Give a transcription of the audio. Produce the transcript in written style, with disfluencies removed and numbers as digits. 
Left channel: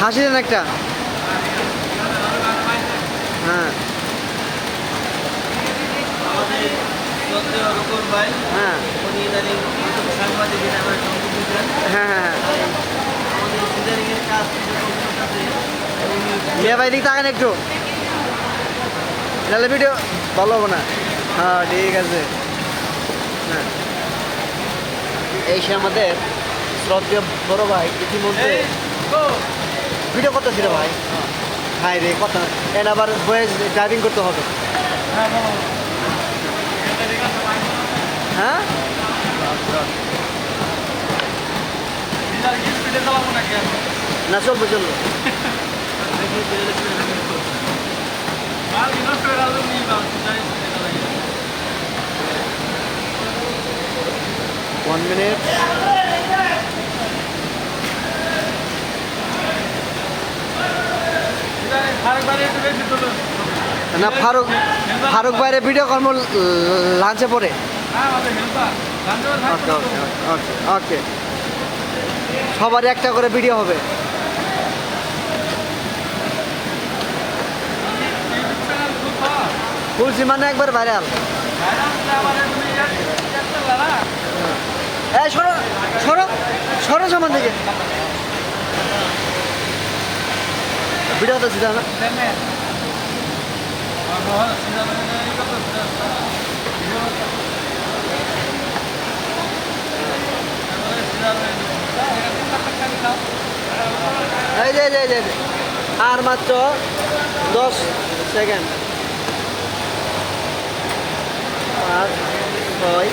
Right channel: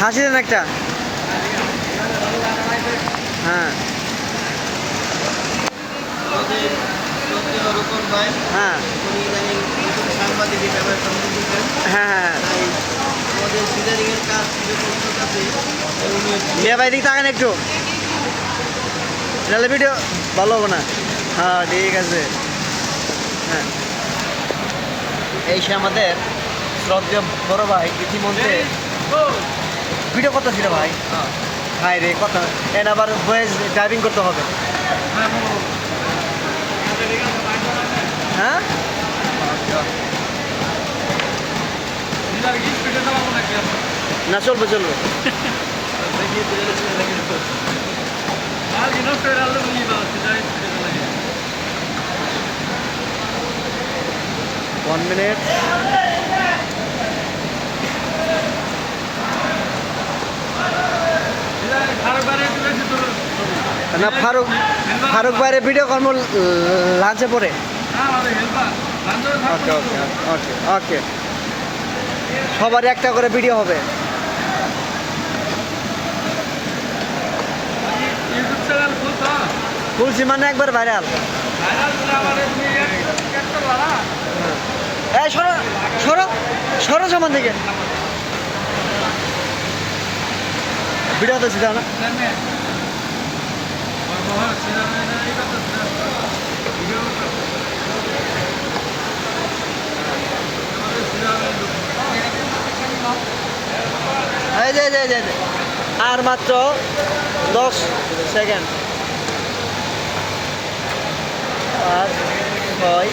হাসি দেন একটা। হ্যাঁ হ্যাঁ হ্যাঁ হ্যাঁ মিয়া ভাই দিক তাকান একটু, নাহলে ভিডিও ভালো হবে না। হ্যাঁ ঠিক আছে। হ্যাঁ এই সে আমাদের শ্রদ্ধেয় বড় ভাই ইতিমধ্যে ভিডিও কত ছিল ভাই। হাই রে কথা এন আবার বয়েস ড্রাইভিং করতে হবে। হ্যাঁ না চলবে চলবে। 1 minute। না ফারুক ভাইয়ের ভিডিও কর্ম লাঞ্চে পরে। ওকে ওকে ওকে ওকে সবার একটা করে ভিডিও হবে। খুলছি মানে একবার ভাইরাল। এই সরো সরো সরো সমান থেকে ভিডিও তো সিধা না। এই যে আর মাত্র 10 সেকেন্ড। 5 6